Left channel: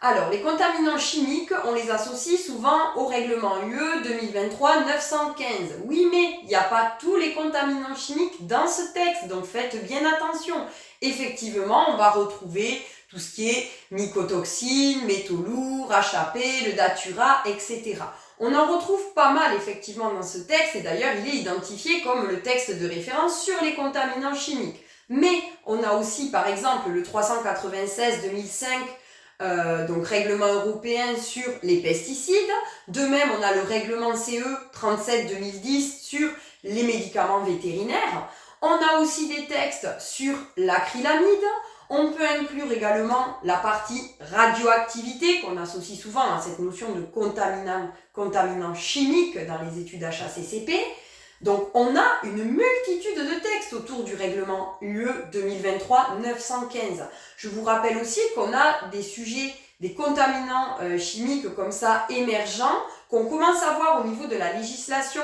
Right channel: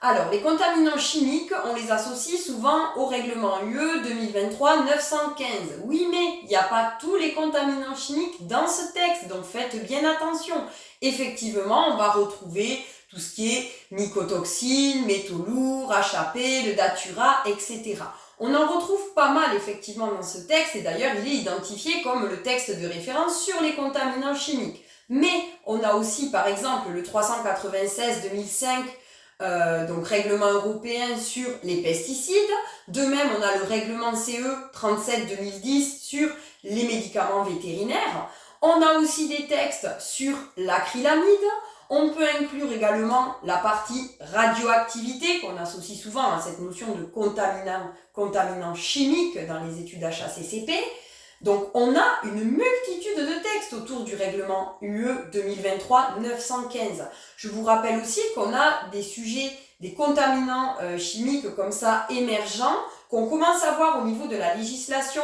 Alors, les contaminants chimiques, on les associe souvent au règlement UE 2023-915. Oui, mais il n'y a pas tous les contaminants chimiques dans ce texte, donc faites bien attention. Effectivement, on va retrouver tout ce qui est mycotoxines, métaux lourds, HAP, le datura, etc. On en retrouve pas mal effectivement dans ce texte, et d'ailleurs il est identifié comme le texte de référence sur les contaminants chimiques. Mais on a aussi par exemple le 396-2005, donc règlement européen sur les pesticides. De même, on a le règlement CE 37-2010 sur les médicaments vétérinaires. On a aussi des textes sur l'acrylamide. On peut inclure également la partie radioactivité qu'on associe souvent à cette notion de contaminant chimique dans les études HACCP. Donc on a une multitude de textes autour du règlement UE 2023-915. Je vous rappelle aussi qu'on a des sujets, des contaminants chimiques comme ça émergents, qu'on commence à voir au niveau de la législation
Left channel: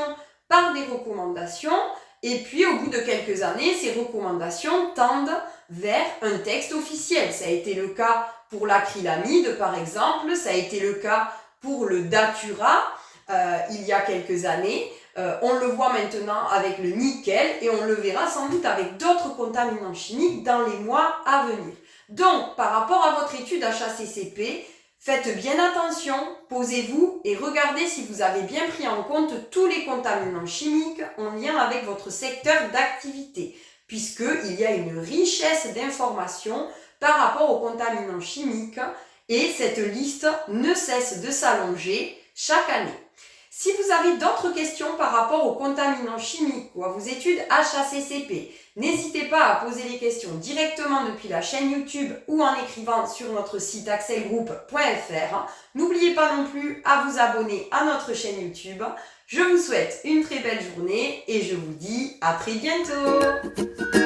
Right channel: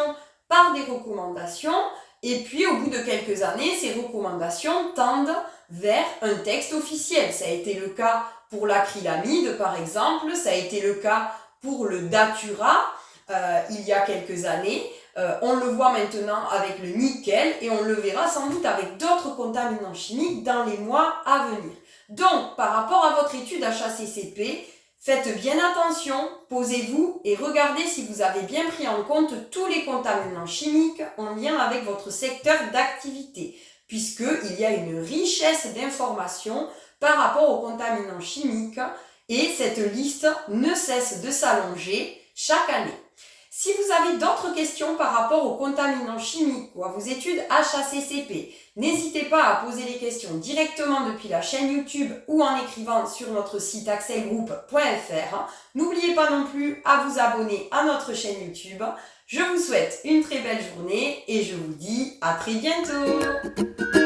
par des recommandations, et puis au bout de quelques années, ces recommandations tendent vers un texte officiel. Ça a été le cas pour l'acrylamide par exemple, ça a été le cas pour le datura il y a quelques années. On le voit maintenant avec le nickel et on le verra sans doute avec d'autres contaminants chimiques dans les mois à venir. Donc, par rapport à votre étude HACCP, faites bien attention, posez-vous et regardez si vous avez bien pris en compte tous les contaminants chimiques en lien avec votre secteur d'activité, puisqu'il y a une richesse d'informations par rapport aux contaminants chimiques et cette liste ne cesse de s'allonger chaque année. Si vous avez d'autres questions par rapport aux contaminants chimiques ou à vos études HACCP, n'hésitez pas à poser les questions directement depuis la chaîne YouTube ou en écrivant sur notre site axelgroup.fr. N'oubliez pas non plus à vous abonner à notre chaîne YouTube. Je vous souhaite une très belle journée et je vous dis à très bientôt.